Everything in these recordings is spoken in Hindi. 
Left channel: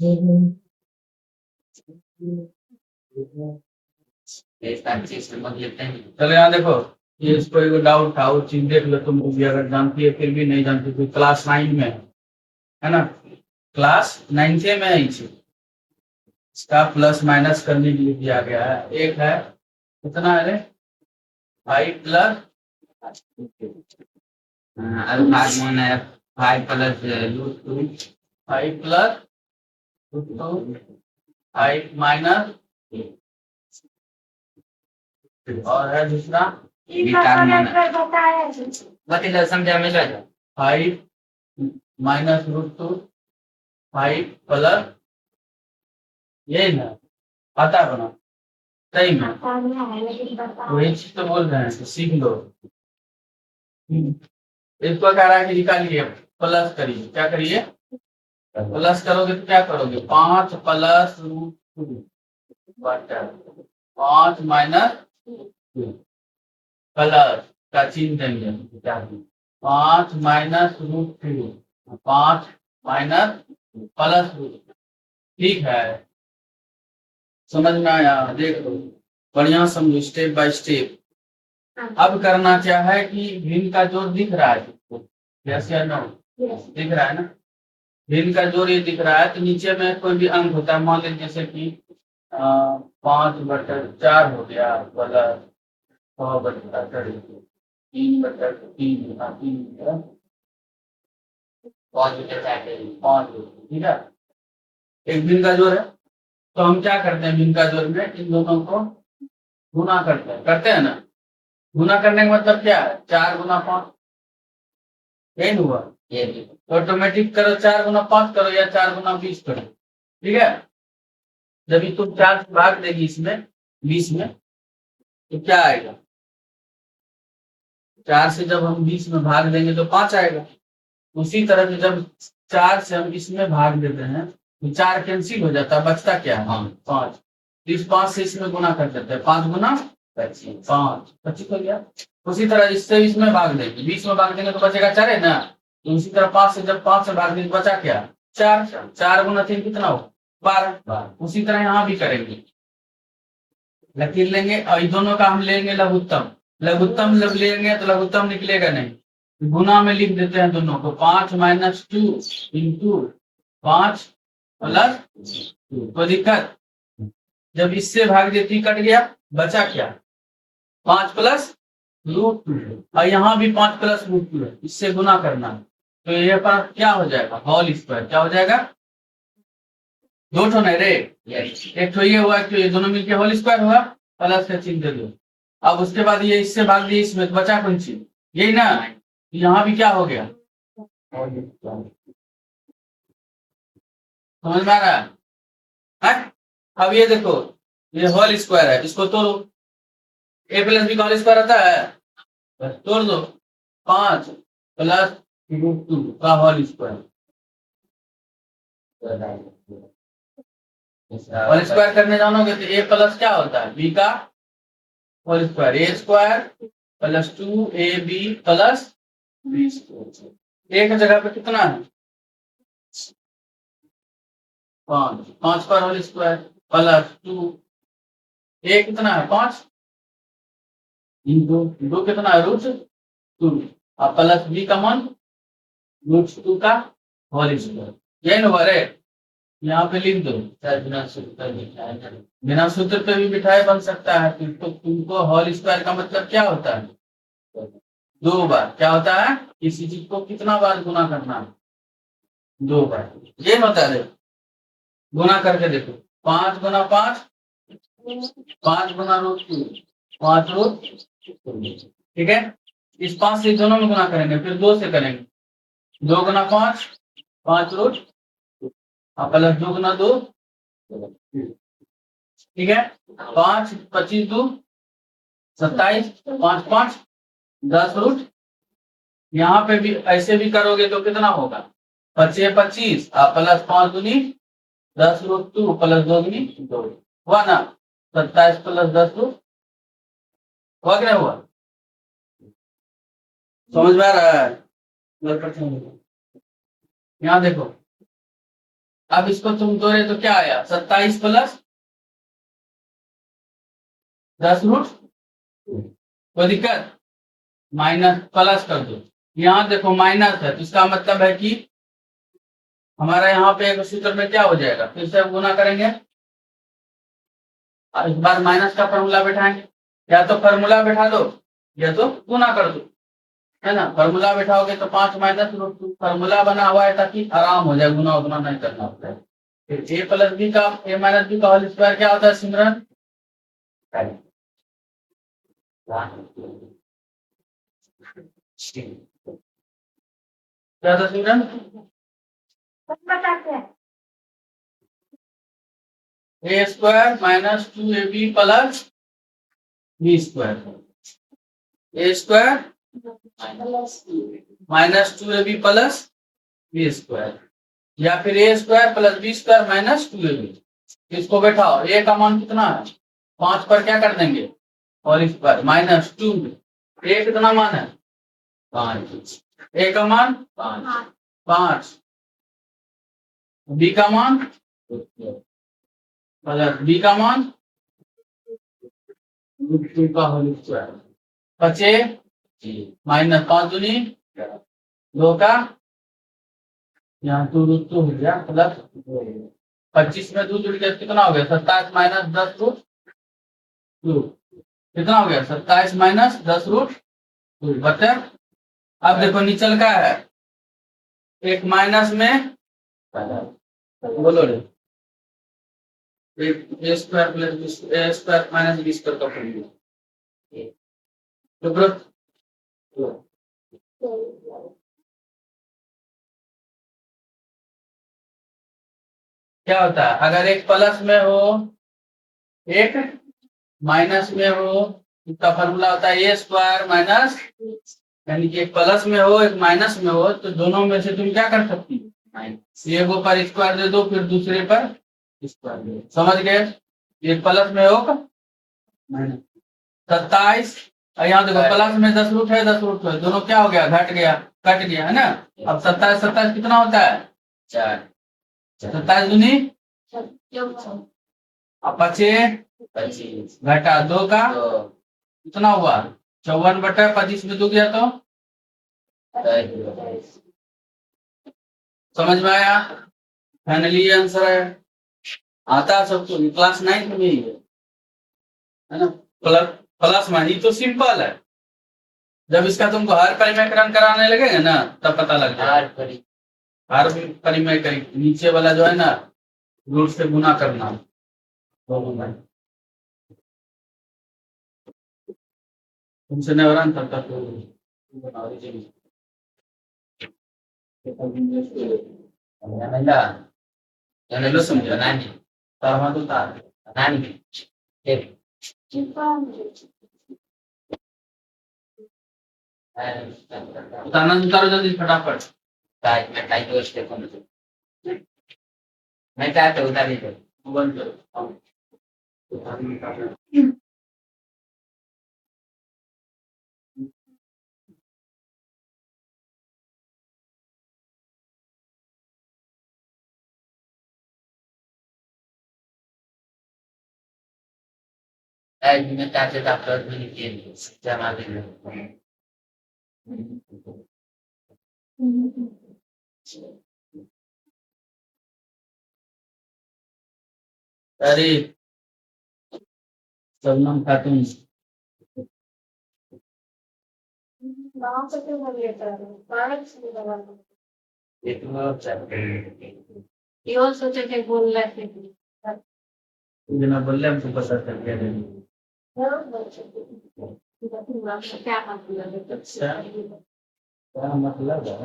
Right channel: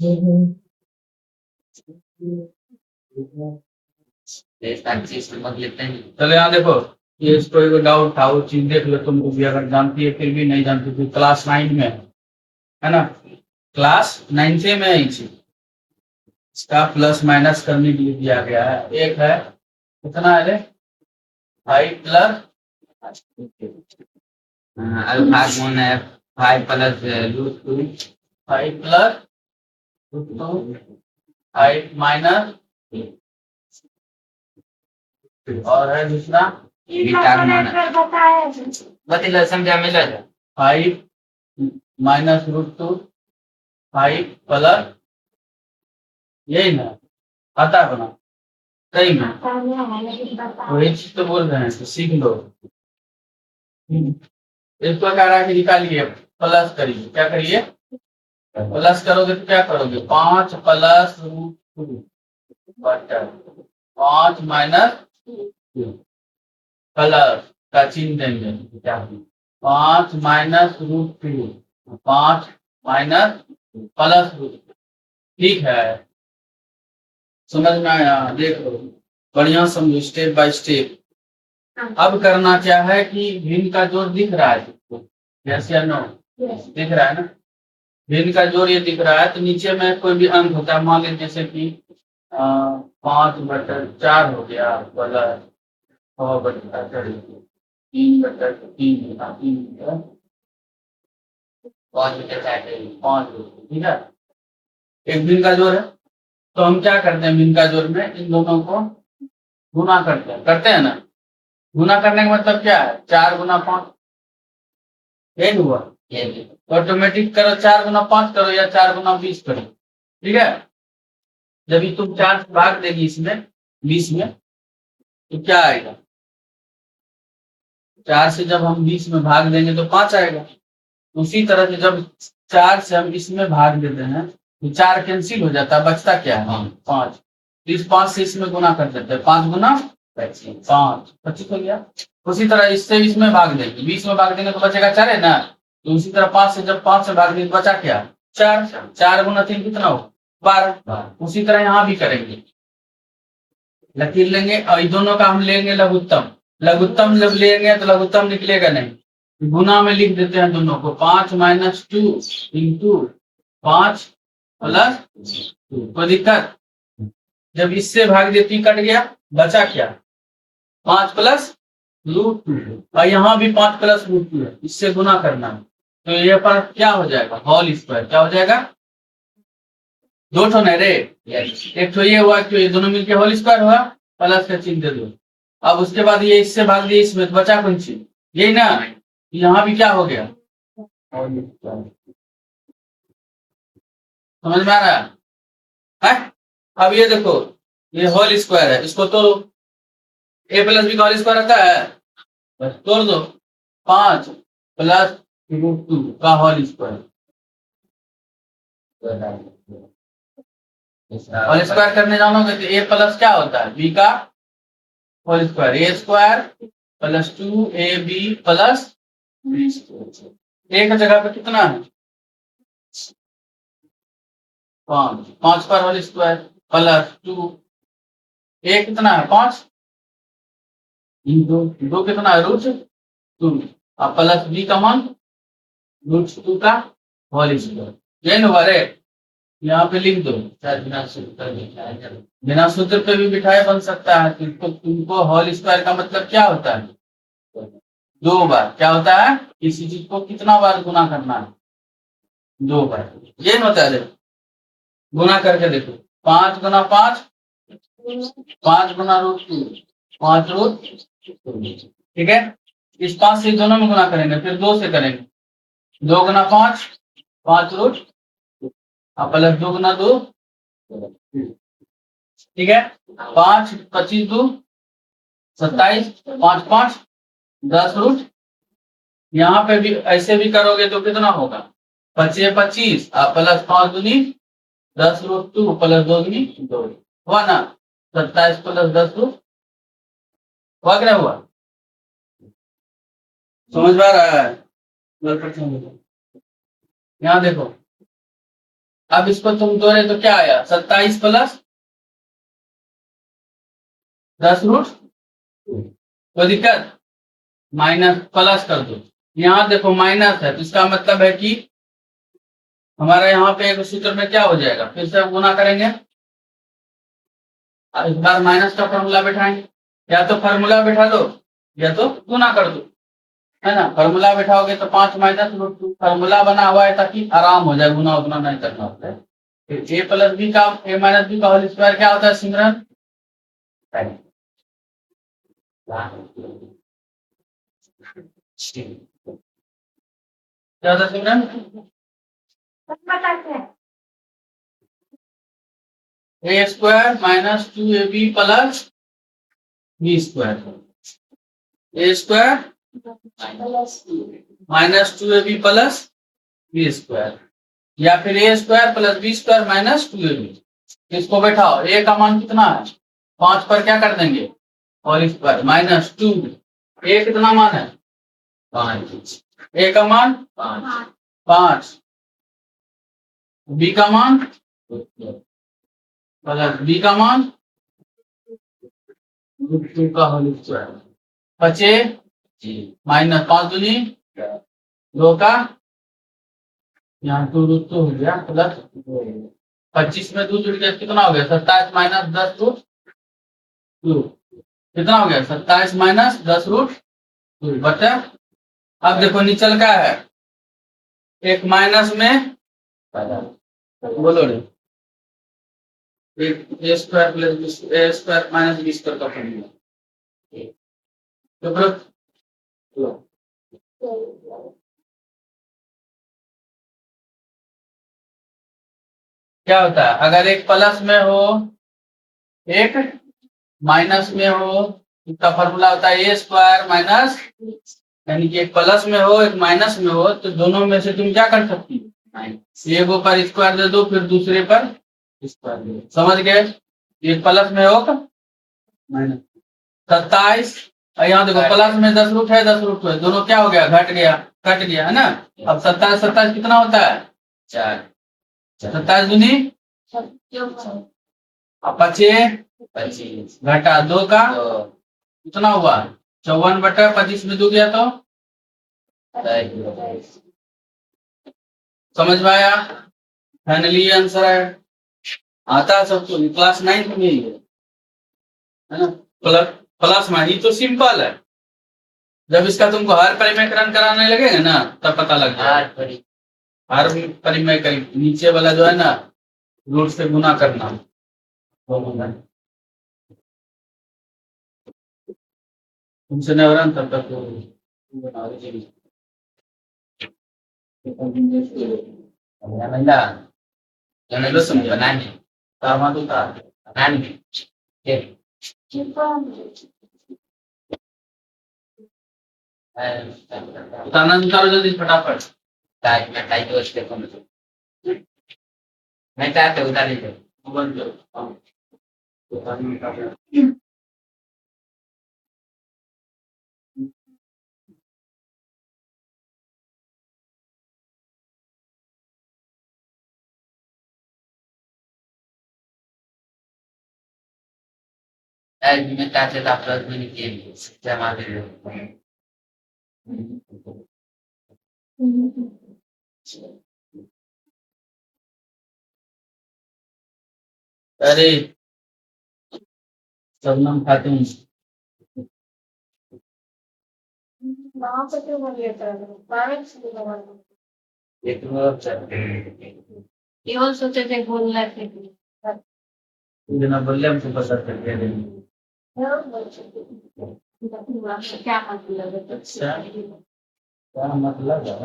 चलो यहाँ देखो, ये इसको एक डाउट था, वो चीज देख लो, तुम भी अगर जानती है फिर भी नहीं जानती तो क्लास 9 में है ना, क्लास 9 से में है ये चीज। इसका प्लस माइनस करने के लिए दिया गया है। एक है कितना है रे, 5 प्लस अल्फागमोन है 5 plus root 2, 5 plus root 2, 5 minus, और है दूसरा बीटा समझा मिला 5 माइनस रूट 2, 5 प्लस, यही ना आता है बना सही में, वही चीज तो बोल रहे हैं, तो सीख लो। इसको कह रहा है कि निकालिए, प्लस करिए, क्या करिए, प्लस करोगे तो क्या करोगे, 5 प्लस रूट 2 बटा 5 माइनस प्लस का चिन्ह देंगे, क्या 5 minus root 2, 5 minus plus root, ठीक है, समझ में आया, देखो बढ़िया समझो स्टेप बाय स्टेप। अब करना क्या है कि भिन्न का जोड़ दिख रहा है, यस या नो, दिख रहा है ना, भिन्न का जोड़ ये दिख रहा है, तो नीचे में कोई भी अंक होता है, मान लीजिए जैसे कि 5/4 हो गया, प्लस 6/4, 3/3, 5, ठीक है, एक भिन्न का जोड़ है। तो हम क्या करते हैं, भिन्न का जोड़ में इन दोनों को गुना करते हैं ना, गुना करने का मतलब क्या है, 4 गुना 5, यही हुआ, तो ऑटोमेटिक करो 4 गुना 5 करो या 4 गुना 20 करो, ठीक है। जब ये तुम 4 से भाग देगी इसमें 20 में, तो क्या आएगा, 4 से जब हम 20 में भाग देंगे तो 5 आएगा। उसी तरह से जब 4 से हम इसमें भाग देते हैं तो 4 कैंसिल हो जाता है, बचता क्या है, 5। इस 5 से इसमें गुना कर देते हैं, 5 गुना 5, 25 हो गया। उसी तरह इससे इसमें भाग देंगे, 20 में भाग देंगे तो बचेगा 4 है ना, तो उसी तरह 5 से जब 5 से भाग देंगे बचा क्या, 4, 4 गुना 3 कितना हो, 12। उसी तरह यहाँ भी करेंगे, लकीर लेंगे और इन दोनों का हम लेंगे लघुत्तम, लघुत्तम जब लेंगे तो लघुत्तम निकलेगा नहीं, गुना में लिख देते हैं दोनों को, 5 माइनस 2 इंटू 5 प्लस 2, कोई दिक्कत, जब इससे भाग देती कट गया, बचा क्या, 5 प्लस रूट 2, और यहाँ भी 5 प्लस रूट 2 है, इससे गुना करना है, तो ये पर क्या हो जाएगा, होल स्क्वायर, क्या हो जाएगा, 2 ठो नहीं रे, एक तो ये हुआ कि ये दोनों मिलके होल स्क्वायर हुआ, प्लस का चिन्ह दे दो। अब उसके बाद ये इससे भाग दिया इसमें, तो बचा कौन चीज, यही ना, यहाँ भी क्या हो गया, समझ में आ रहा है। अब ये देखो, ये होल स्क्वायर है, इसको तोड़ो, ए प्लस बी का होल स्क्वायर आता है, बस तोड़ दो, 5 प्लस रूट 2 का होल स्क्वायर, होल स्क्वायर करने जानोगे तो ए प्लस क्या होता है, बी का whole square, a square plus 2ab plus b square, एक जगह पे कितना है, 5, 5 पर होल स्क्वायर प्लस 2, ए कितना है 5 इंटू 2 कितना है रूट 2, और प्लस बी का मान रूट 2 का होल स्क्वायर, ये ना रे, यहाँ पे लिख दो, बिना सूत्र पे भी बिठाए बन सकता है, तुमको होल स्क्वायर का मतलब क्या होता है, 2 बार, क्या होता है, किसी चीज को कितना बार गुना करना है, 2 बार, ये होता है, गुना करके देखो, 5 गुना 5, 5 गुना रूट 2, 5 रूट, ठीक है, इस 5 से दोनों में गुना करेंगे, फिर 2 से करेंगे, 2 गुना 5, 5 रूट, प्लस 2 गुना 2, ठीक है, 5 25 2 27, 5 5 10 रूट, यहाँ पे भी ऐसे भी करोगे तो कितना होगा, 25 25 प्लस 5 दूनी 10 रूट 2 प्लस 2 दूनी 2, हुआ ना, 27 प्लस 10 रूट, हुआ कि नहीं हुआ, समझ में आ रहा है, यहाँ देखो अब इसको तुम तोड़े तो क्या आया, 27 प्लस 10 रूट, कोई दिक्कत, माइनस प्लस कर दो। यहाँ देखो माइनस है तो इसका मतलब है कि हमारा यहाँ पे एक सूत्र में क्या हो जाएगा, फिर से गुना करेंगे, इस बार माइनस का फॉर्मूला बैठाएंगे, या तो फॉर्मूला बैठा दो या तो गुना कर दो, है ना। फॉर्मूला बैठाओगे तो 5 - √2 फॉर्मूला बना हुआ है ताकि आराम हो जाए, गुना उतना नहीं करना होता है। फिर ए प्लस बी का, ए माइनस बी का होल स्क्वायर क्या होता है सिमरन, क्या होता है Simran, a square minus 2ab plus b square, a square minus 2ab plus b square, या फिर a square plus b square minus 2ab। इसको बैठाओ, ए का मान कितना है, 5 पर क्या कर देंगे और स्क्वायर माइनस 2, ए कितना मान है 5, ए का मान 5, बी का मान प्लस बी का मान √2 का होल स्क्वायर, बचे माइनस 5 दूनी 2 का, यहाँ 2√2 हो गया प्लस 25 में 2 जुड़ गया कितना हो गया 27 माइनस 10√2, कितना हो गया 27 माइनस 10√2 बचा। अब देखो निचल का है, एक माइनस में बोलो रे, एक ए स्क्वायर प्लस ए स्क्वायर माइनस बी स्क्वायर का फॉर्मूला, तो क्या होता है, अगर एक प्लस में हो एक माइनस में हो, इसका फॉर्मूला होता है ए स्क्वायर माइनस, यानी कि एक प्लस में हो एक माइनस में हो तो दोनों में से तुम क्या कर सकती हो, एक पर स्क्वायर दे दो फिर दूसरे पर स्क्वायर दे दो, समझ गए। एक प्लस में हो माइनस 27, यहाँ देखो प्लस में 10 रूट है 10 रूट है, दोनों क्या हो गया घट गया कट गया है ना। अब 27 27 कितना होता है 4, 27 दूनी अब बचे 25 घटा 2 का कितना हुआ 54/25 में 2 गया तो समझ में आया, फाइनली आंसर है। आता है सबको, क्लास 9 में ही है ना। प्लस प्लस में ही तो सिंपल है, जब इसका तुमको हर परिमेकरण कराने लगेगा ना तब पता लग जाएगा, हर परिमेकरण नीचे वाला जो है ना रूट से गुना करना, तुमसे नहीं हो रहा तब तक उतारो जल्दी फटाफट, मैं चाहते उतारी बंद करो। में चाहते था प्लस में जमा अरे शबनम खातून केवल सोचे थे बोल रहे थे ना बोल रहे हमको पता चल गया क्या मतलब, अच्छा क्या मतलब है?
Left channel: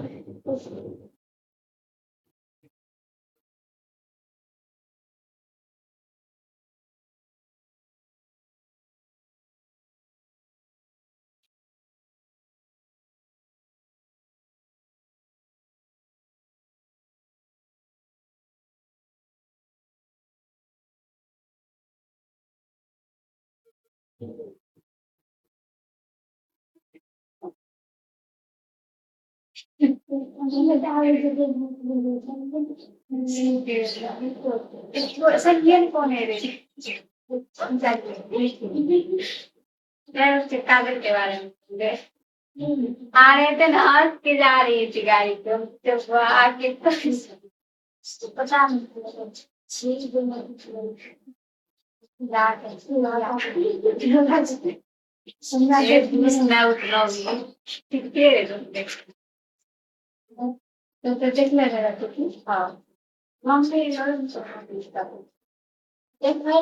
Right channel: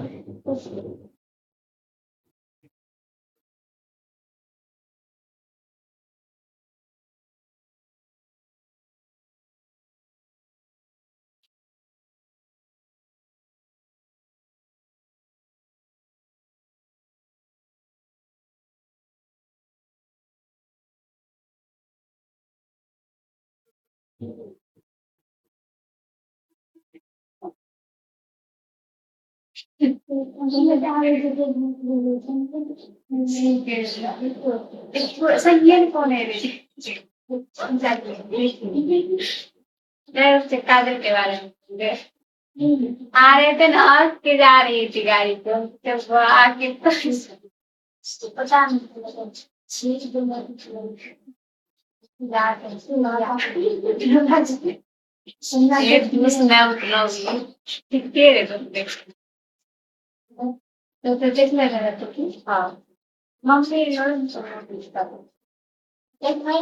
संज्ञान कौन है रे? उससे कादर के बारे में आ रहे थे ना, हंस के जा रही थी गाड़ी पे, जब आके तो पता नहीं चीज मैं उतना हुई कितने रे तुम तो देखने रहा तो हाँ हम से देख मैं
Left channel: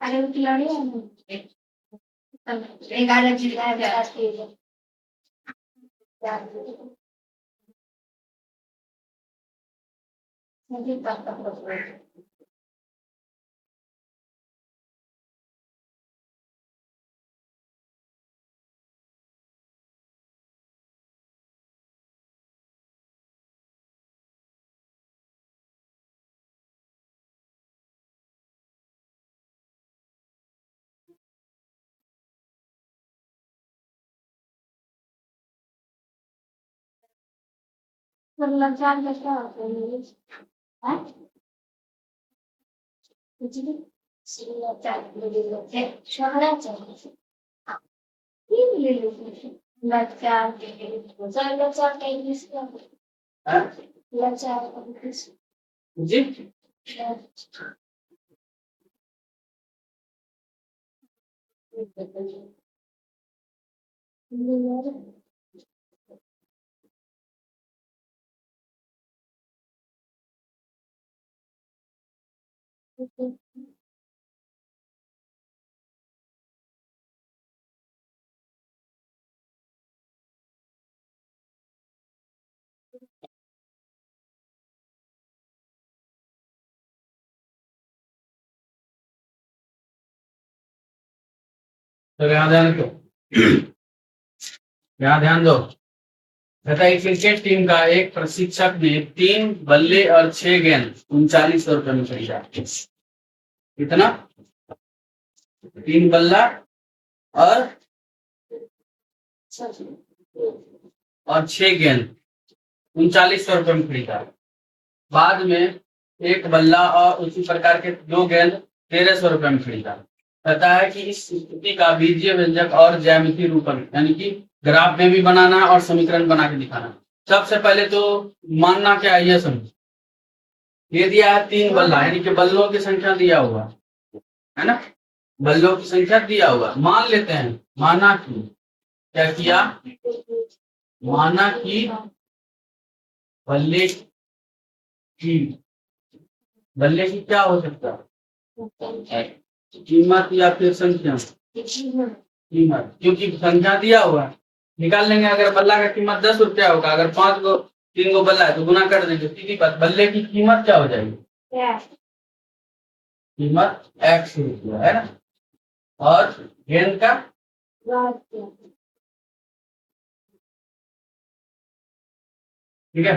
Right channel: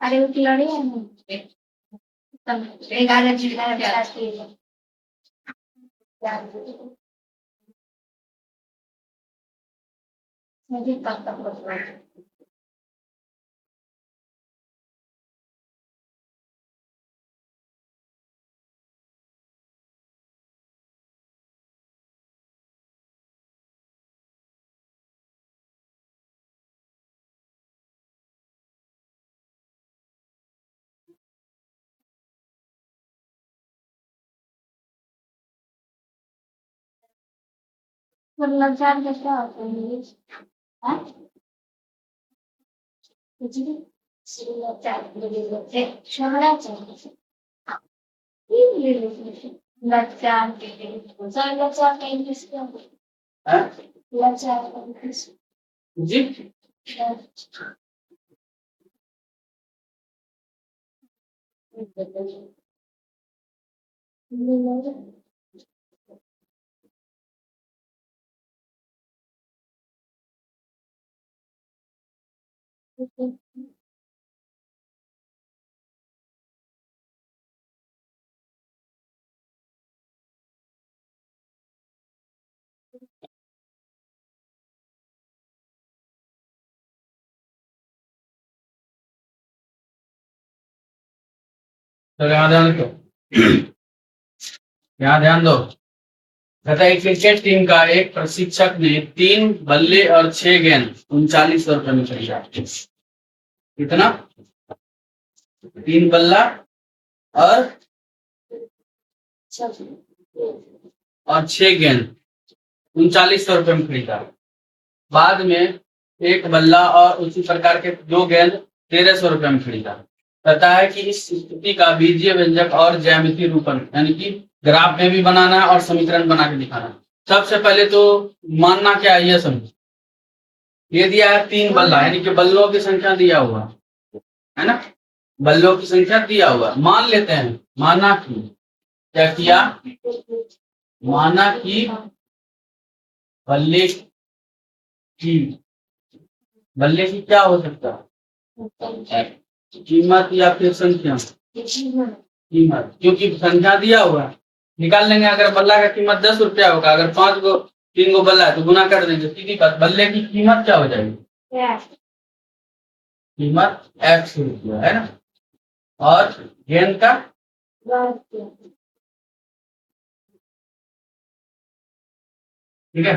अरे वो खिलाड़ी है ना 11 जिला जाती है मुझे तब तक मतलब जान के क्या होता है हाँ कुछ भी सिर्फ चार ले लेते शहरा चाहिए ये ले लेते लच्चा के लिए सर लच्चा के इंग्लिश क्या हाँ? लच्चा का इंग्लिश जी तो यहाँ ध्यान दो यहाँ ध्यान दो कहता है क्रिकेट टीम का एक प्रशिक्षक ने 3 बल्ले और 6 गेंद 39 रुपए में खरीदा। कितना? 3 बल्ला और 6 गेंद 39 रुपए में खरीदा। बाद में एक बल्ला और उसी प्रकार के 2 गेंद 1300 रुपए में खरीदा। कहता है कि इस स्थिति का बीजीय व्यंजक और ज्यामितीय रूपन यानी कि ग्राफ में भी बनाना है और समीकरण बना के दिखाना। सबसे पहले तो मानना क्या है ये समझ। ये दिया है 3 बल्ला यानी कि बल्लों की संख्या दिया हुआ है ना, बल्लों की संख्या दिया हुआ मान लेते हैं। माना कि क्या किया, माना कि बल्ले की क्या हो सकता है, कीमत या फिर संख्या। कीमत क्योंकि संख्या दिया हुआ है निकाल लेंगे। अगर बल्ला का कीमत 10 रुपया होगा, अगर 3 गो बल्ला है तो गुना कर दीजिए, सीधी बात। बल्ले की कीमत क्या हो जाएगी, कीमत x रुपया है ना, और गेंद का ठीक है।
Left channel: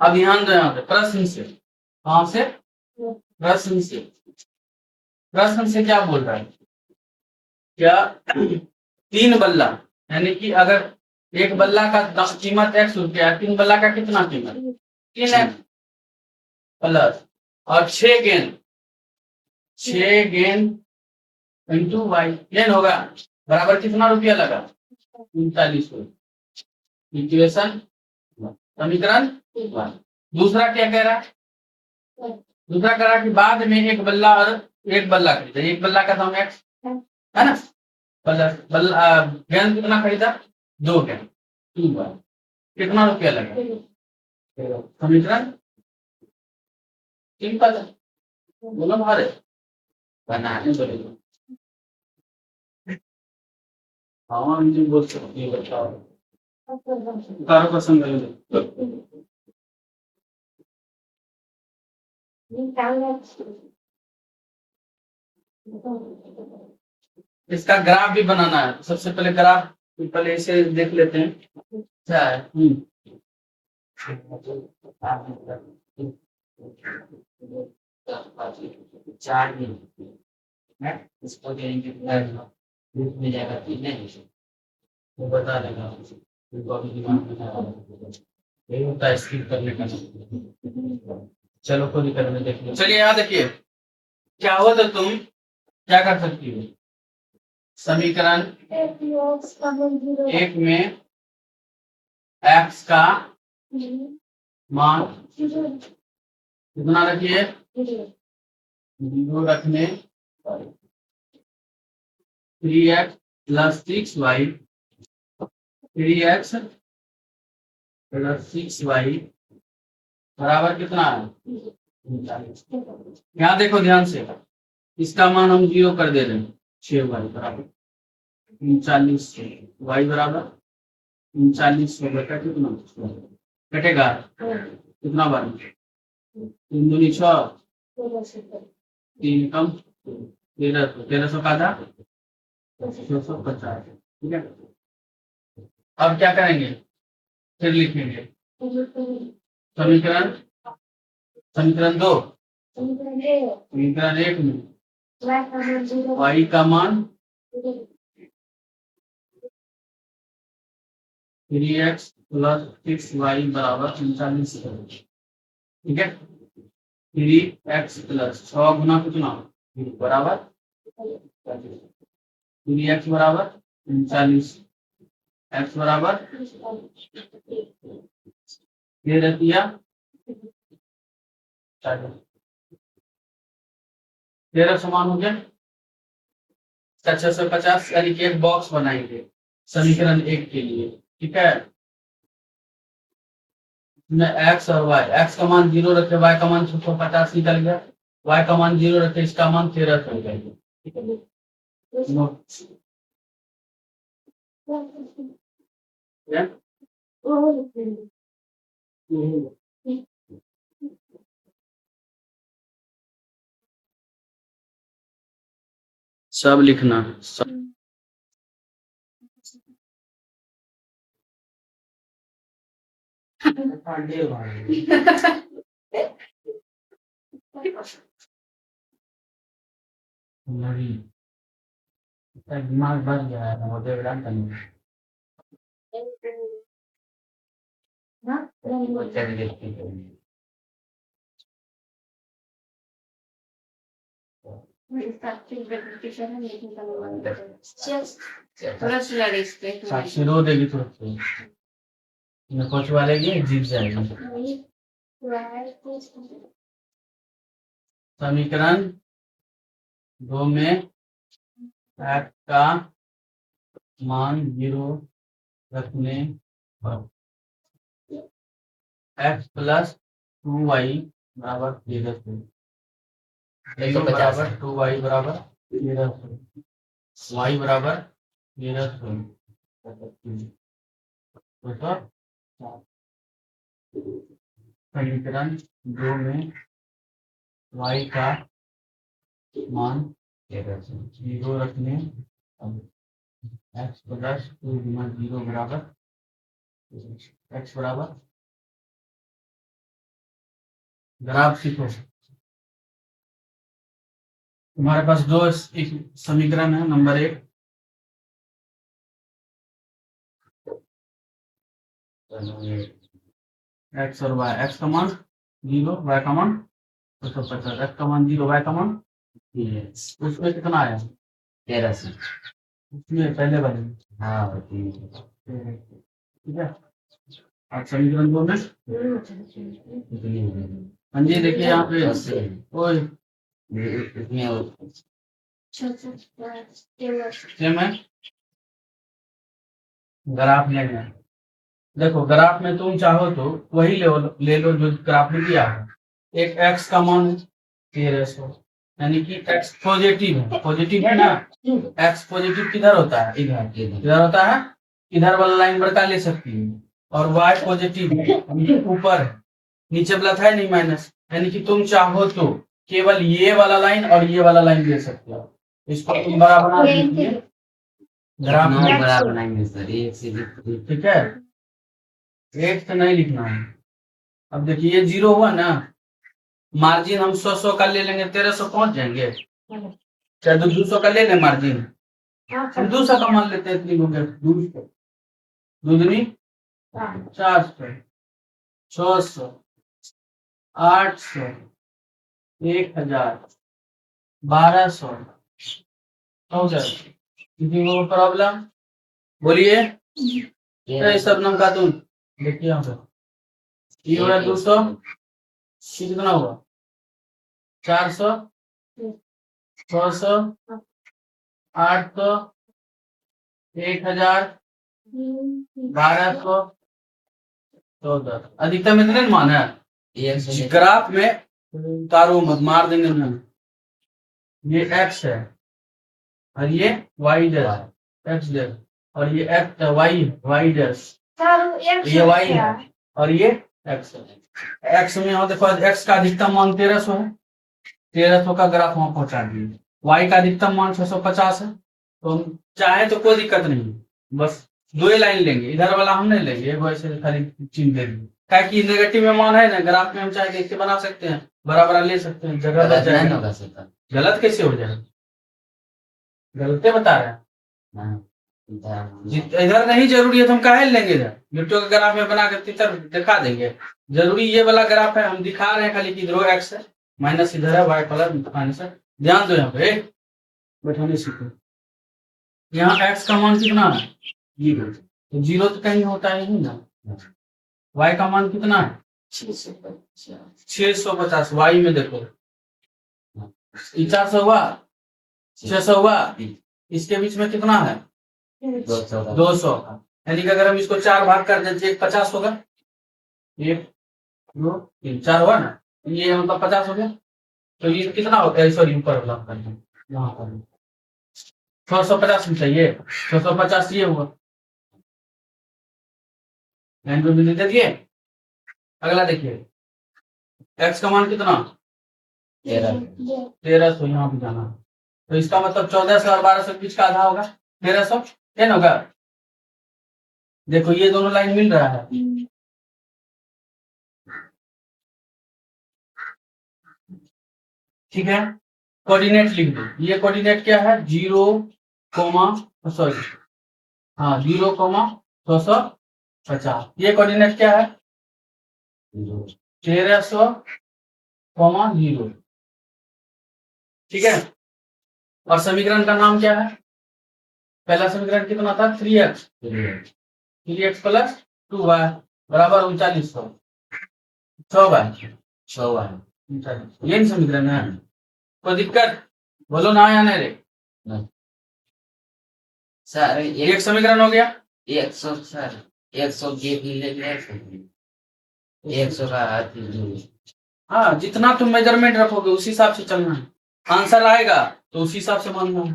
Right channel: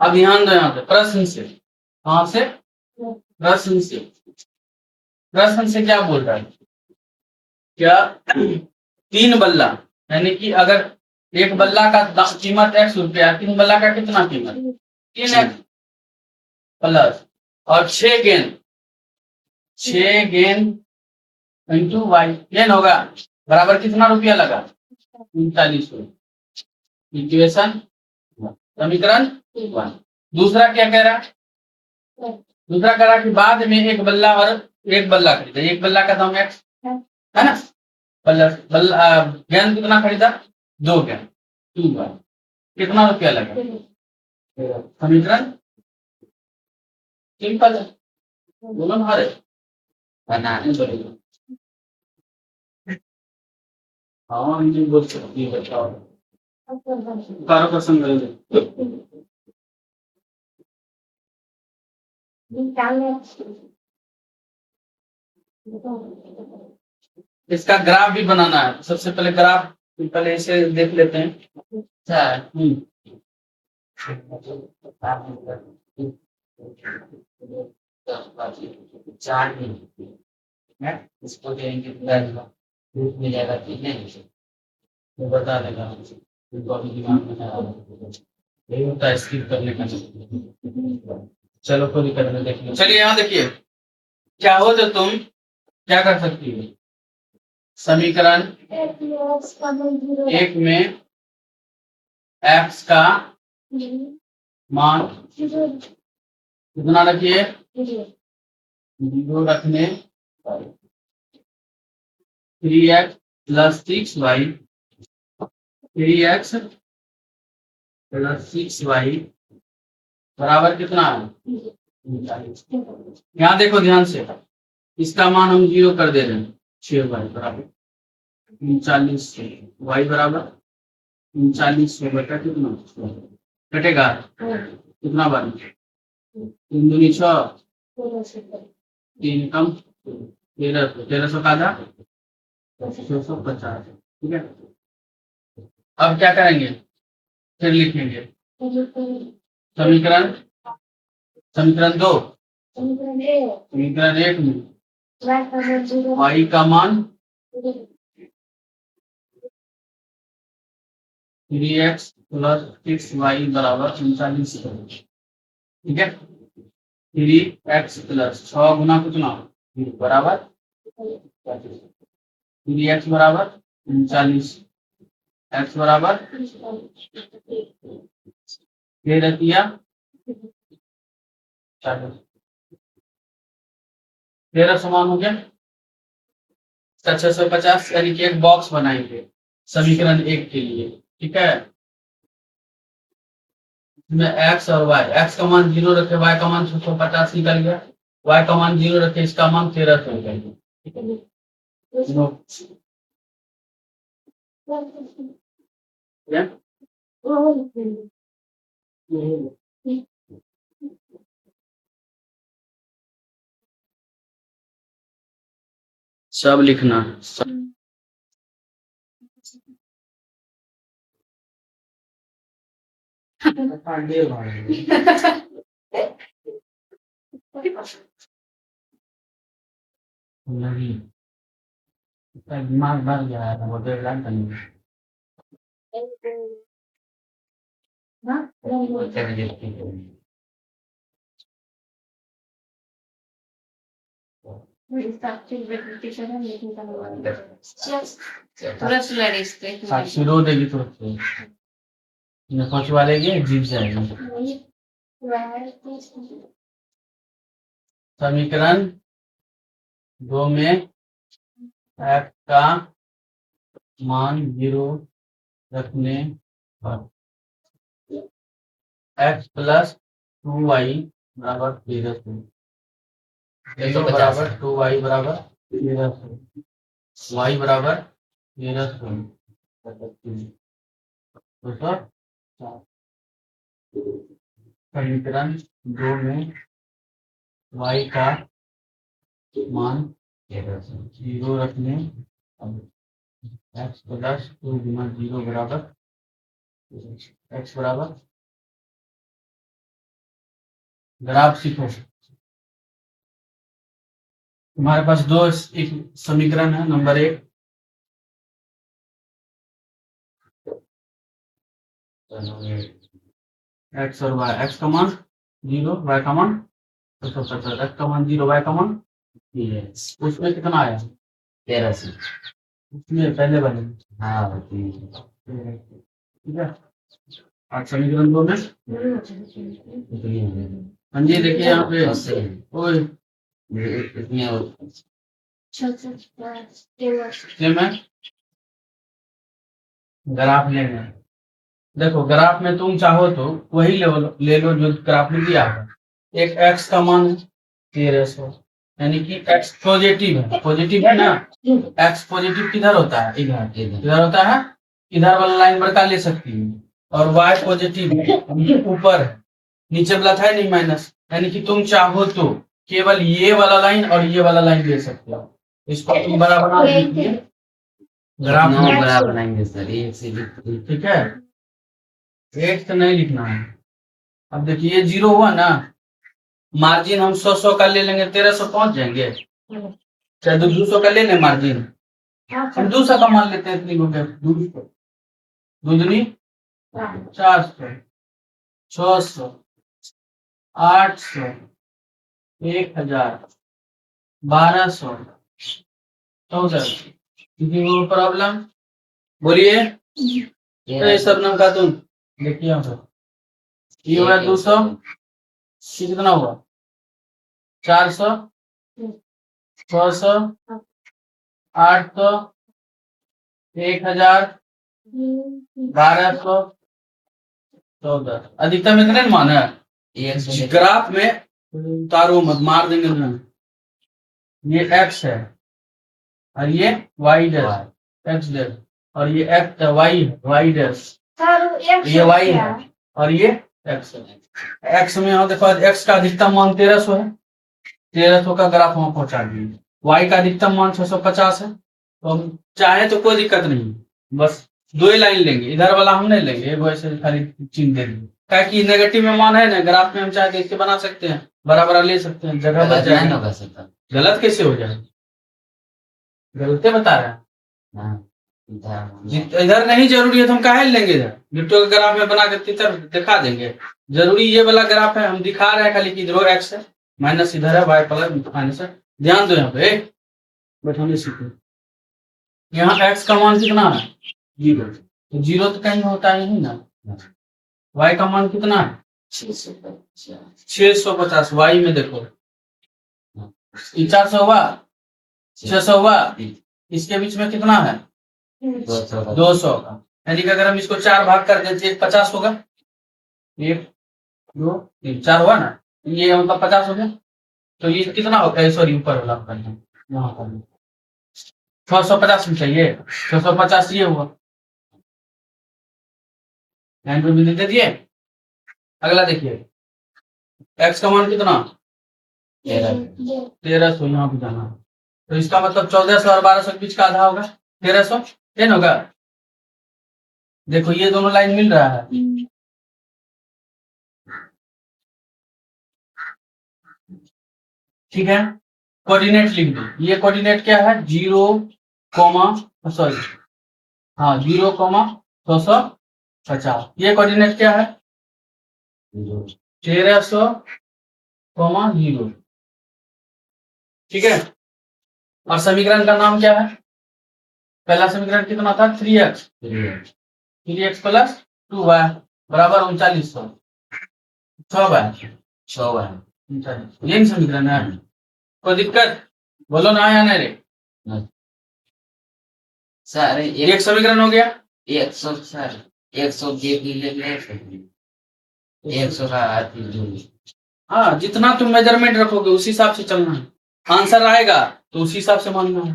अब ध्यान दो यहाँ पे प्रश्न से, कहां से, प्रश्न से। प्रश्न से क्या बोल रहा है, क्या 3 बल्ला यानी कि अगर एक बल्ला का कीमत x रुपया है, 3 बल्ला का कितना कीमत 3x प्लस और 6 गेंद, 6 गेंद इंटू वाई गेंद होगा बराबर कितना रुपया लगा 39 रुपया। इक्वेशन समीकरण 1। दूसरा क्या कह रहा है, दूसरा कह रहा कि बाद में एक बल्ला और एक बल्ला खरीदा। एक बल्ला का दाम x है ना, प्लस बल्ला गेंद कितना खरीदा 2 गेंद 2 बार कितना रुपया लगा। समीकरण सिंपल है, बोलो हमारे बनाने बोलो। हाँ मुझे बोल सकती है, बताओ कारो का संग्रह इसका ग्राफ भी बनाना है। सबसे पहले ग्राफ पहले इसे देख लेते हैं। चार इसको देंगे में जाएगा, ठीक है तो बता देगा। इनको अभी दिमाग में नहीं आ रहा। यही होता है स्किप करने का। चलो कोई दिक्कत नहीं, देखिए चलिए यहाँ देखिए क्या हो तो तुम क्या कर सकती हो। समीकरण एक में x का मान कितना रखिए, 0 रखने 3x plus 6y 3x plus 6y बराबर कितना है 39। यहाँ देखो ध्यान से, इसका मान हम 0 कर दे रहे हैं, 6y बराबर 39 y बराबर 39 बटा कितना कटेगा कितना बार 3 दूनी 6 3 कम 1300 का आधा 650। ठीक है, अब क्या करेंगे फिर लिखेंगे समीकरण समीकरण 2 समीकरण 1 में y का मान 3x प्लस 6y बराबर 39। ठीक है, 3x प्लस 6 गुना कितना बराबर 3x बराबर 39 x बराबर 13 समान हो गया 650, यानी कि एक बॉक्स बनाएंगे समीकरण 1 के लिए। ठीक है, इसमें x और y, x का मान 0 रखे, y का मान 650 निकल गया, y का मान 0 रखे, इसका मान 1300 हो गया। ठीक है, नोट सब लिखना है सब। नहीं, दिमाग भर गया है, वो देवलान करनी साक्षी रो देगी तुरंत न पहुंचवा लेगी, जीत जाएगी। समीकरण 2 में x का मान 0 रखने पर x प्लस 2y बराबर 1300 बराबर 2y बराबर 1300 y बराबर 1300। समीकरण 2 में y का मान 0 रखने x प्लस 2 गुना 0 बराबर x बराबर ग्राफ सीखो। तुम्हारे पास दो एक समीकरण है, नंबर 1 x और y, x का मान 0 y का मान 650, x का मान 0 y का मान उसमें कितना आया 1300, उसमें पहले वाले हाँ ठीक है। और समीकरण 2 में हाँ जी देखिए यहाँ पे ओए सेम है, ग्राफ लेना है। देखो ग्राफ में तुम चाहो तो वही ले लो जो ग्राफ में दिया है। एक x का मान 1300, यानी कि x पॉजिटिव है, पॉजिटिव है ना, x पॉजिटिव किधर होता है इधर होता है, इधर वाला लाइन बड़का ले सकती है, और y पॉजिटिव ऊपर नीचे वाला था नहीं माइनस, यानी कि तुम चाहो तो केवल ये वाला लाइन और ये वाला लाइन ले सकते हो। इसको तुम बड़ा बना दीजिए, ग्राफ में बड़ा बनाएंगे सर, एक से ठीक है, एक तो नहीं लिखना है। अब देखिए ये 0 हुआ ना, मार्जिन हम 100 का ले लेंगे 1300 पहुंच जाएंगे, चाहे 200 का ले लें मार्जिन, हम 200 का मान लेते हैं, इतनी हो गया 200 दूनी 5 400, 600, 800, 1000, 1200, 1400। वो प्रॉब्लम बोलिए। तो ये शबनम खातून देखिए यहाँ पे ये हुआ 200, ये कितना हुआ 400, 600, 800, 1000, 1200, 1400। अधिकतम इतने न मान है ग्राफ में उतारो मत, मार देंगे ना। ये एक्स है और ये वाई डैश एक्स डैश और ये एक्स वाई वाई डैश ये वाई है और ये एक्स है। एक्स में यहाँ देखो एक्स का अधिकतम मान 1300 है, 1300 का ग्राफ वहां पहुंचा दिए। वाई का अधिकतम मान 650 है, तो हम चाहे तो कोई दिक्कत नहीं है, बस दो ही लाइन लेंगे, इधर वाला हम नहीं लेंगे, एक वैसे खाली चिन्ह दे देंगे। क्या कि नेगेटिव में मान है ना, ग्राफ में हम चाहे देख के बना सकते हैं, बड़ा बड़ा ले सकते हैं, जगह बच जाएगा। गलत कैसे हो जाएगा, गलत बता रहे हैं। इधर नहीं जरूरी है तो हम काहे लेंगे इधर, गिफ्टो का ग्राफ में बना कर इधर दिखा देंगे। जरूरी ये वाला ग्राफ है, हम दिखा रहे हैं खाली कि इधर एक्स है, माइनस इधर है, वाई प्लस माइनस है। ध्यान दो यहाँ पे बैठने सीखो। यहाँ एक्स का मान कितना है 0, तो 0 तो कहीं होता ही नहीं ना। वाई का मान कितना है 650, वाई में देखो 400 हुआ, 600 हुआ, इसके बीच में कितना है 200 का। यानी कि अगर हम इसको 4 भाग कर देते 1 50 होगा, 1 2 3 4 हुआ ना, ये मतलब 50 हो गया। तो ये कितना होता है, सॉरी ऊपर वाला करना, यहाँ करना 650 में चाहिए, 650 ये हुआ, लाइन पे बिंदु दे दिए। अगला देखिए एक्स का मान कितना 1300, यहाँ पे जाना है, तो इसका मतलब 1400 और 1200 के बीच का आधा होगा 1300, ये ना होगा। देखो ये दोनों लाइन मिल रहा है, ठीक है। कोऑर्डिनेट लिख दो, ये कोऑर्डिनेट क्या है 0, सॉरी हाँ 0,650। ये कोऑर्डिनेट क्या है 1300,0, ठीक है। और समीकरण का नाम क्या है, पहला समीकरण कितना था 3x प्लस 2y बराबर 3900, 6y, यही समीकरण है। कोई दिक्कत बोलो ना या नहीं रे सर एक समीकरण हो गया। 100 सर 100 का हाँ जितना तुम मेजरमेंट रखोगे उसी हिसाब से चलना है, आंसर आएगा तो उसी हिसाब से मानना है।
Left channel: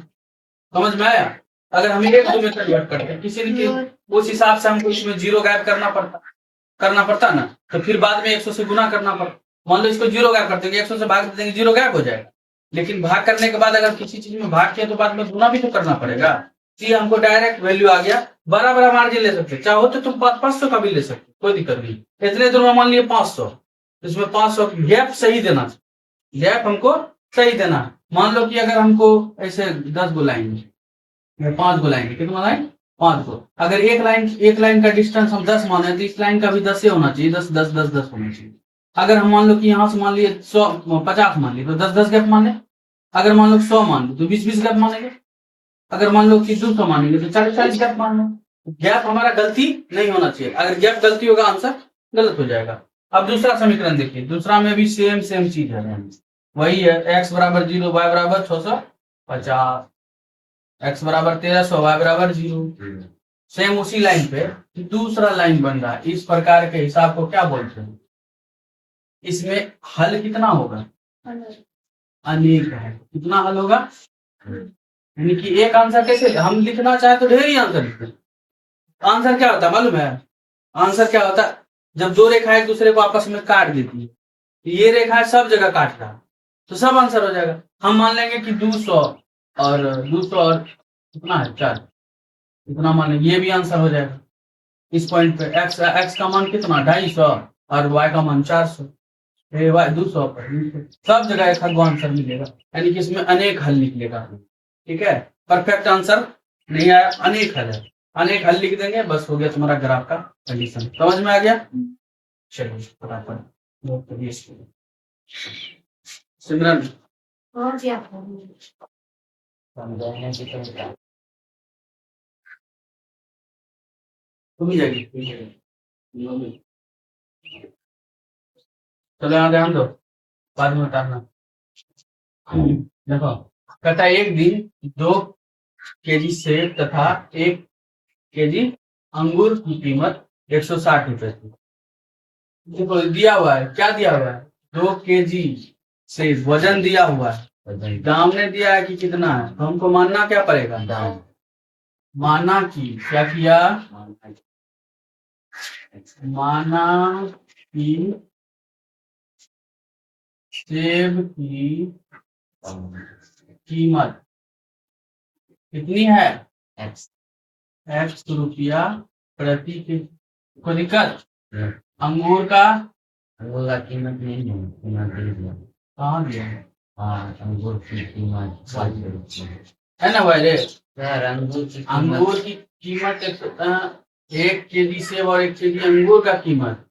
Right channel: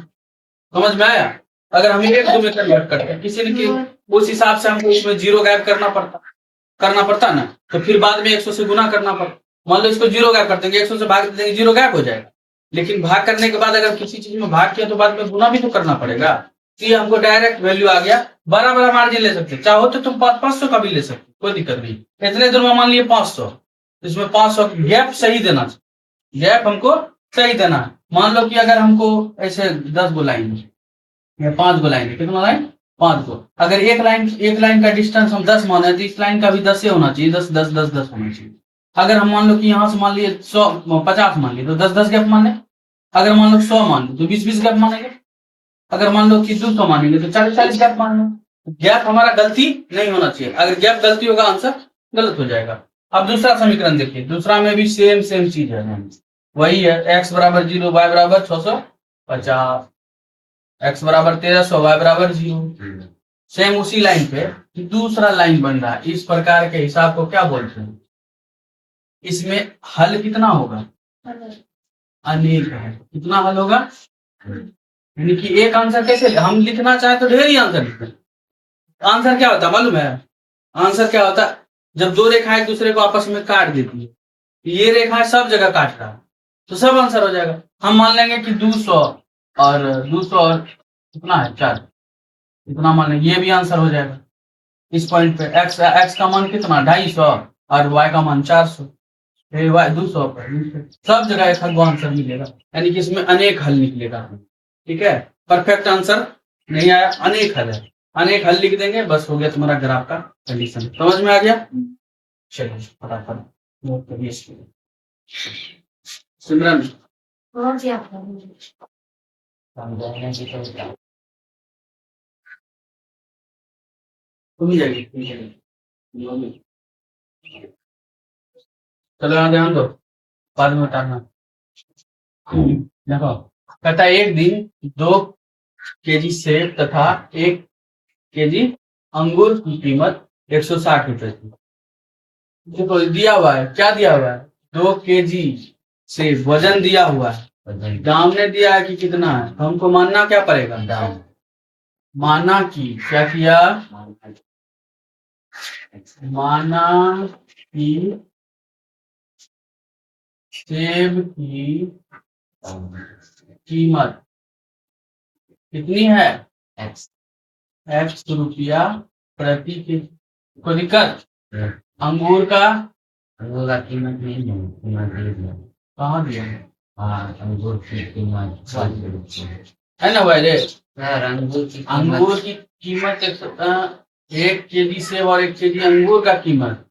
समझ में आया। अगर हमें 1 2 में कन्वर्ट करते हैं किसी ने उस हिसाब से हमको इसमें 0 गायब करना पड़ता ना, तो फिर बाद में 100 से गुना करना पड़ता। मान लो इसको 0 गायब कर देंगे, 100 से भाग देंगे 0 गायब हो जाएगा, लेकिन भाग करने के बाद अगर किसी चीज में भाग किया तो बाद में गुना भी तो करना पड़ेगा। तो ये हमको डायरेक्ट वैल्यू आ गया, बड़ा बड़ा मार्जिन ले सकते, चाहो तो तुम 500 का भी ले सकते, कोई दिक्कत नहीं। इतने दूर में मान लिए 500, इसमें 500 गैप सही देना, गैप हमको सही देना। मान लो कि अगर हमको ऐसे 10 गो लाइन या 5 गो लाइन, कितना लाइन 5 गो, अगर एक लाइन का डिस्टेंस हम 10 माने तो इस लाइन का भी 10 होना चाहिए, 10 10 10 10 होना चाहिए। अगर हम मान लो कि यहाँ से मान लिए 150 मान लिए तो 10 10 गैप माने, अगर मान लो 100 मान लो तो 20 20 गैप मानेंगे, अगर मान लो कि 200 मानेंगे तो 40 40 गैप मान लो। गैप हमारा गलती नहीं होना चाहिए, अगर गैप गलती होगा आंसर गलत हो जाएगा। अब दूसरा समीकरण देखिए, दूसरा में भी सेम चीज है, वही है x बराबर 0 y बराबर 650, x बराबर 1300 y बराबर 0। सेम उसी लाइन पे दूसरा लाइन बन रहा है, इस प्रकार के हिसाब को क्या बोलते हैं, इसमें हल कितना होगा अनेक है। कितना हल होगा, यानी कि एक आंसर कैसे हम लिखना चाहे तो ढेर ही आंसर लिखते। आंसर क्या होता है मालूम है, आंसर क्या होता है जब दो रेखाएं एक दूसरे को आपस में काट देती है, ये रेखा सब जगह काट रहा है तो सब आंसर हो जाएगा। हम मान लेंगे कि 200 और कितना है 4, इतना मान लेंगे, ये भी आंसर हो जाएगा। इस पॉइंट पे x का मान कितना 250 और y का मान 400, y 200 पर सब जगह एक आंसर मिलेगा, यानी कि इसमें अनेक हल निकलेगा। ठीक है, परफेक्ट आंसर नहीं आया, अनेक हल है। अनेक हल लिख देंगे, बस हो गया तुम्हारा ग्राफ का कंडीशन। समझ में आ गया? चलिए फटाफट नोट करिए इसको। सिमरन हो गया। समझाने की तो क्या तुम ही जाएगी। चलो यहाँ ध्यान दो, बाद में उतारना। देखो कहता है एक दिन 2 केजी सेब तथा 1 केजी अंगूर की कीमत 160 रुपए थी। देखो दिया हुआ है, क्या दिया हुआ है? 2 केजी सेब वजन दिया हुआ है, वजन दाम ने दिया है कि कितना है, तो हमको मानना क्या पड़ेगा? दाम माना कि क्या किया? माना कि सेब की कीमत कितनी है? एक्स x रुपया प्रति के को दिक्कत। अंगूर का अंगूर का कीमत नहीं है, कीमत दे दिया। कहाँ दिया है? हाँ अंगूर की कीमत 60 रुपये है ना वैसे? यार अंगूर की अंगूर की कीमत 1 केजी सेब और 1 केजी अंगूर का कीमत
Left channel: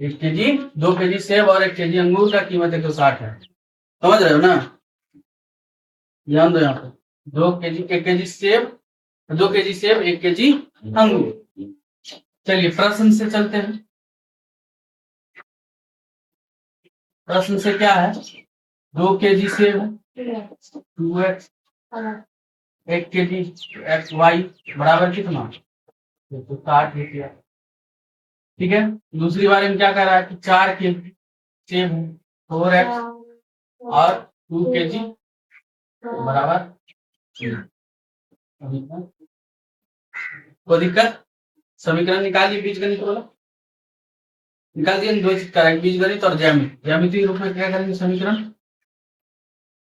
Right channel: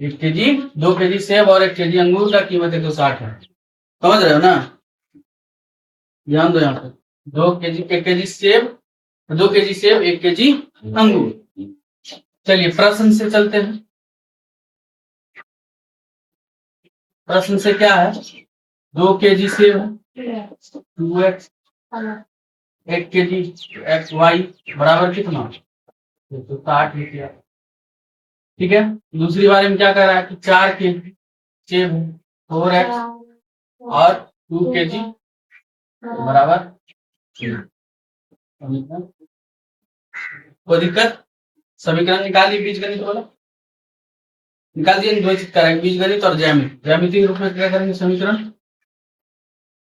1 केजी, 2 केजी सेब और 1 केजी अंगूर का कीमत 160 है। समझ रहे हो ना? ध्यान दो यहाँ पे, 2 केजी 1 केजी सेब, 2 केजी सेब 1 केजी अंगूर। चलिए प्रश्न से चलते हैं। प्रश्न से क्या है? 2 केजी सेब है, 2x, 1 केजी एक्स वाई बराबर कितना? 160 रुपया। ठीक है। दूसरी बारे में क्या कर रहा है कि 4 केजी सेब है, 4x और 2 केजी बराबर। कोई दिक्कत? समीकरण निकालिए, बीजगणित वाला निकाल दिए। 2 चीज करेंगे, बीजगणित और ज्यामिति। ज्यामिति रूप में क्या करेंगे? समीकरण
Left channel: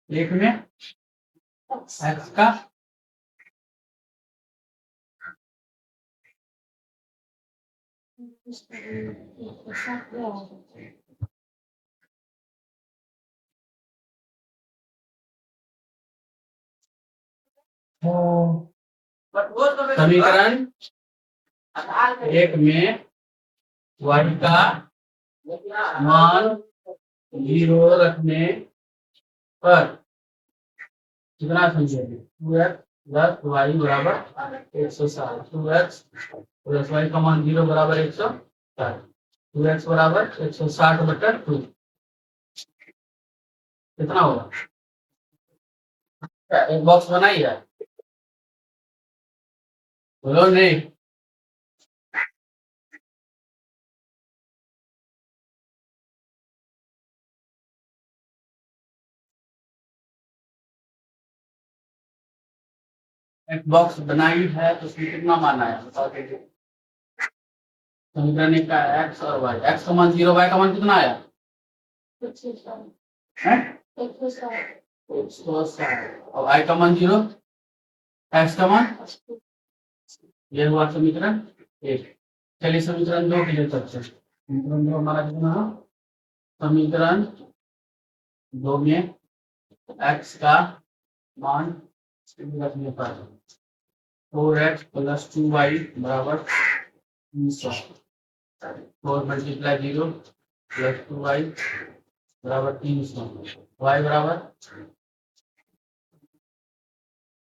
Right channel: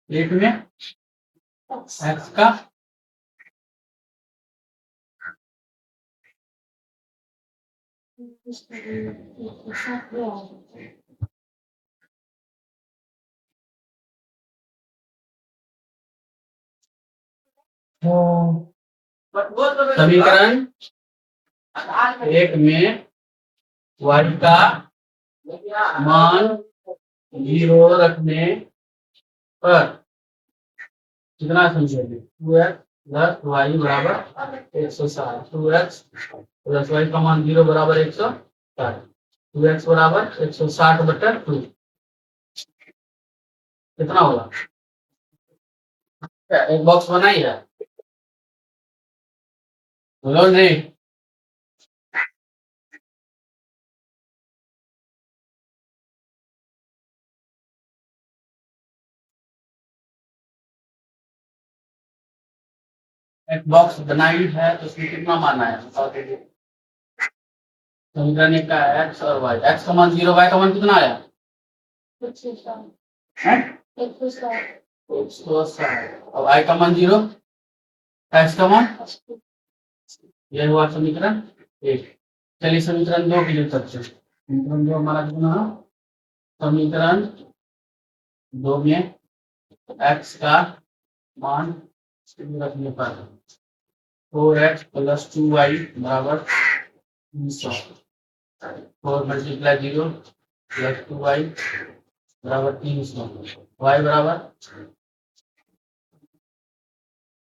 एक में एक्स का समीकरण एक में y का मान 0 रखने पर कितना समझेंगे? 2x प्लस वाई बराबर 160। 2x प्लस वाई का मान 0 बराबर 160। 2x बराबर 160/2 कितना होगा? एक बॉक्स बनाई है, बोलो नहीं। एक बॉक्स बनाई है तो उसमें कितना मानना है बताओ दीजिए। समीकरण एक का एक्स और वाई, एक्स का मान 0, वाई का मान कितना आया? 160 और वाई का मान 0, एक्स का मान। ये हुआ समीकरण एक। चलिए समीकरण 2 के लिए करते हैं। समीकरण 2 हमारा कितना है? समीकरण 2 में एक्स का मान रखने पर 4x प्लस 2y बराबर 300। 4 मल्टीप्लाई 0 प्लस 2y बराबर 300। y बराबर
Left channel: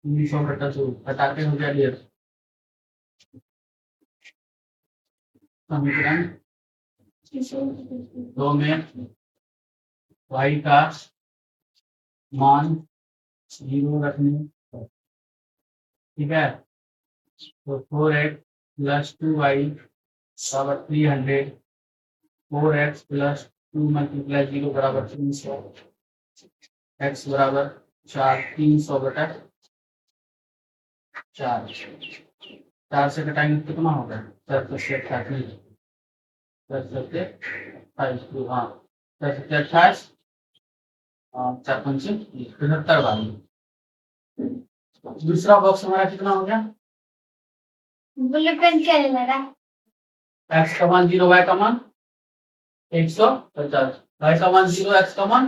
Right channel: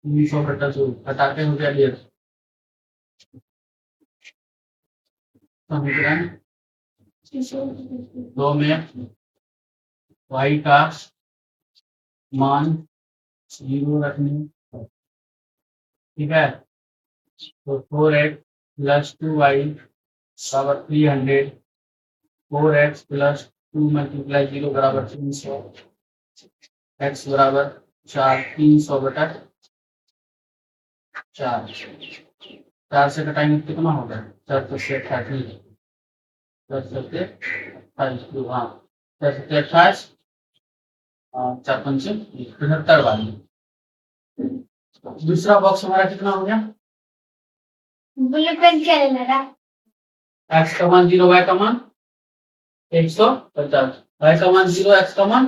300/2 घटाते हो गया 1.5। समीकरण 2 में y का मान 0 रखने, ठीक है, तो 4x प्लस 2y बराबर 300। 4x प्लस 2 मल्टीप्लाई 0 बराबर 300। x बराबर 4, 300/4। 4 से घटाएंगे कितना होगा? 4 से 88, 10 से 28, हाँ 10 से 28, 4 पंचे 75 वाली। दूसरा बॉक्स हमारा कितना हो गया? एक्स का मान 0, वाई का मान 150, वाई का मान 0, एक्स का मान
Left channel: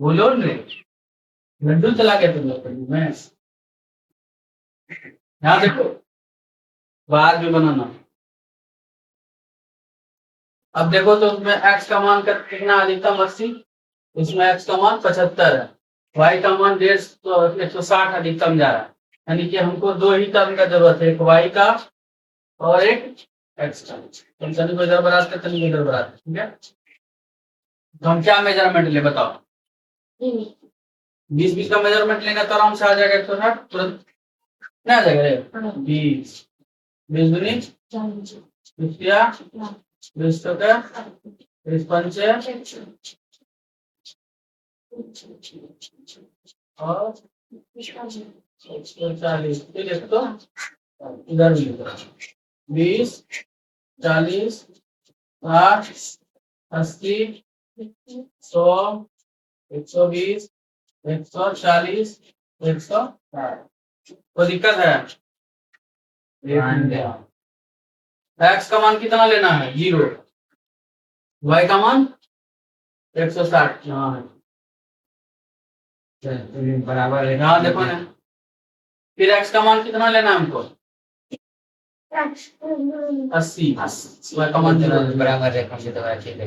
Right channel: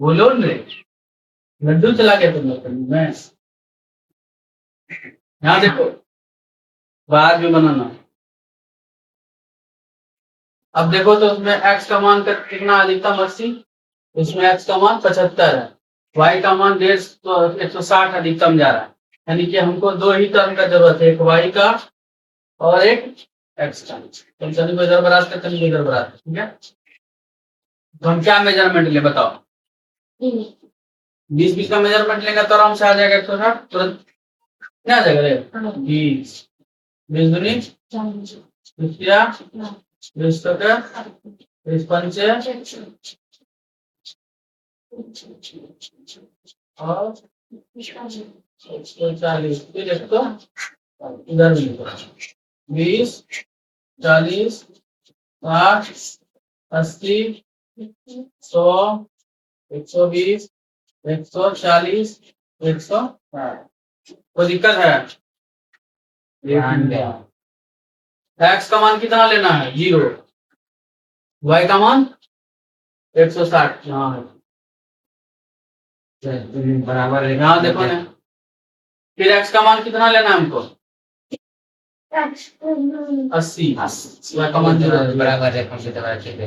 बोलो रे। लड्डू चला गया तुम लोग करने में। यहाँ देखो, बाहर भी बनाना। अब देखो तो उसमें x का मान कितना अधिकतम 80, इसमें x का मान 75 है, y का मान 160 अधिकतम जा रहा है। यानी कि हमको दो ही टर्म का जरूरत है, एक y का और एक x का। तुम शनि को इधर बराबर करते, शनि को इधर बराबर, ठीक है। तो हम क्या मेजरमेंट ले बताओ? 20 का मेजरमेंट लेंगे तो आराम से आ जाएगा 160 तुरंत। क्या आ जाएगा रे? 20 दूनी 20 का 20 पंचे और 140। फिर एक तो इधर भी 20 40 60 80 100 120 140 160। कोई दिक्कत है? x का मान कितना लेना है? 0। y का मान 160 यहाँ है, बराबर है। यहाँ देखो ना। फिर x का मान कितना लेना है हमको? 80। y का मान बराबर है, कंप्यूटर ठीक है।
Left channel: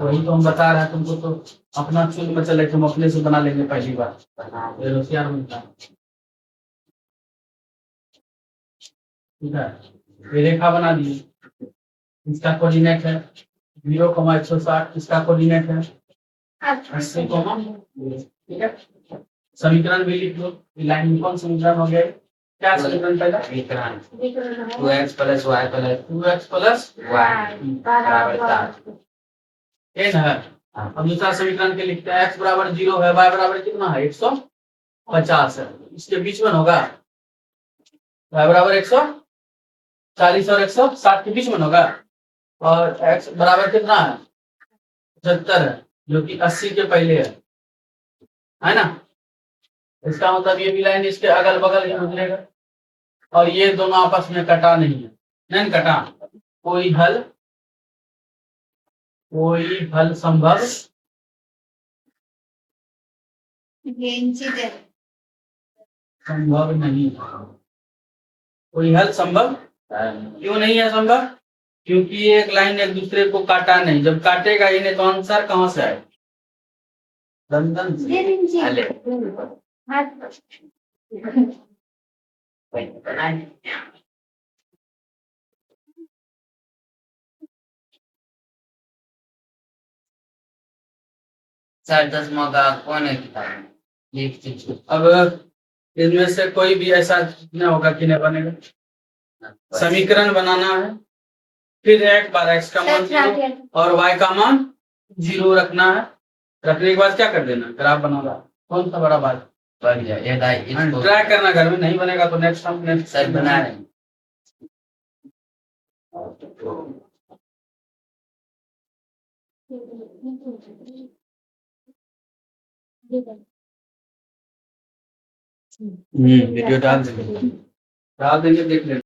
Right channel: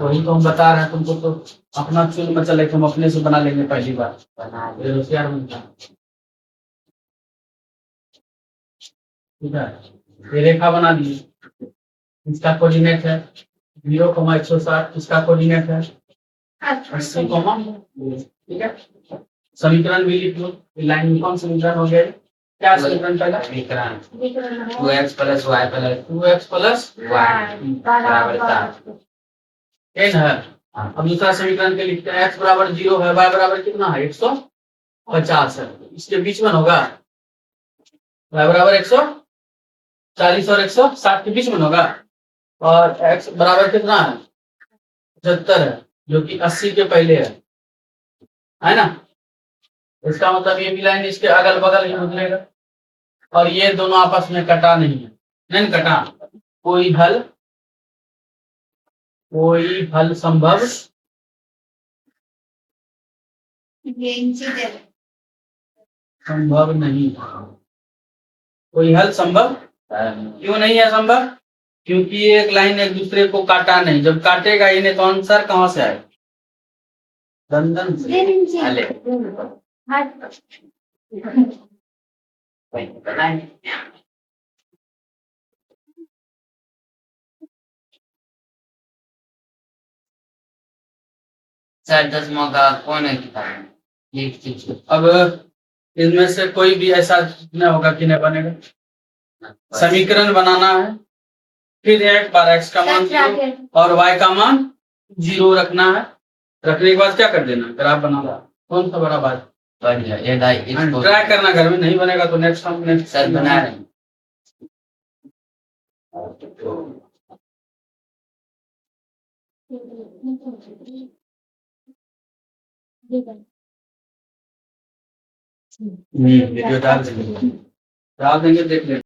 वही तो हम बता रहे हैं तुमको, तो अपना चुन में चले, हम अपने से बना लेंगे पहली बार, ये होशियार बनता है। ठीक है, ये रेखा बना दी, इसका कोऑर्डिनेट है 0,160, इसका कोऑर्डिनेट है 80, ठीक है। समीकरण भी लिख लो, लाइन में कौन समीकरण हो गया? क्या समीकरण पहला? समीकरण 2x प्लस y बराबर 7 है। अब दूसरा समीकरण के लिखते हैं, x बराबर 0 है, y बराबर कितना है? 150 है, इसके बीच में होगा। y बराबर 140 और 160 के बीच में होगा, और x बराबर कितना है? 75 है, जो कि 80 के पहले है ना। इसका मतलब ये भी लाइन इसके अगल बगल ही गुजरेगा, और ये दोनों आपस में कटा नहीं है, नहीं कटा। कोई हल संभव नहीं, कोई हल संभव क्यों नहीं है संभव? क्योंकि ये एक लाइन एक दूसरे को काटा नहीं, जब काटेगा इन्हें तो आंसर कहाँ से आएगा? दंदन से। सर दसवां का कौन है किताब? एक चीज अब इनमें से कोई भी ऐसा न होगा कि नहीं बनेगा। समीकरण बनाना है, फिर एक बार x का मान 0 और y का मान 0 रखना है। रखने के बाद क्या कर देना? ग्राफ बनाना। कौन सा बड़ा बात? बढ़िया, ये ट्राई करना, घर में नहीं बनेगा तो नेक्स्ट सर बना रहे हैं। वीडियो डाल देंगे, देख लेंगे।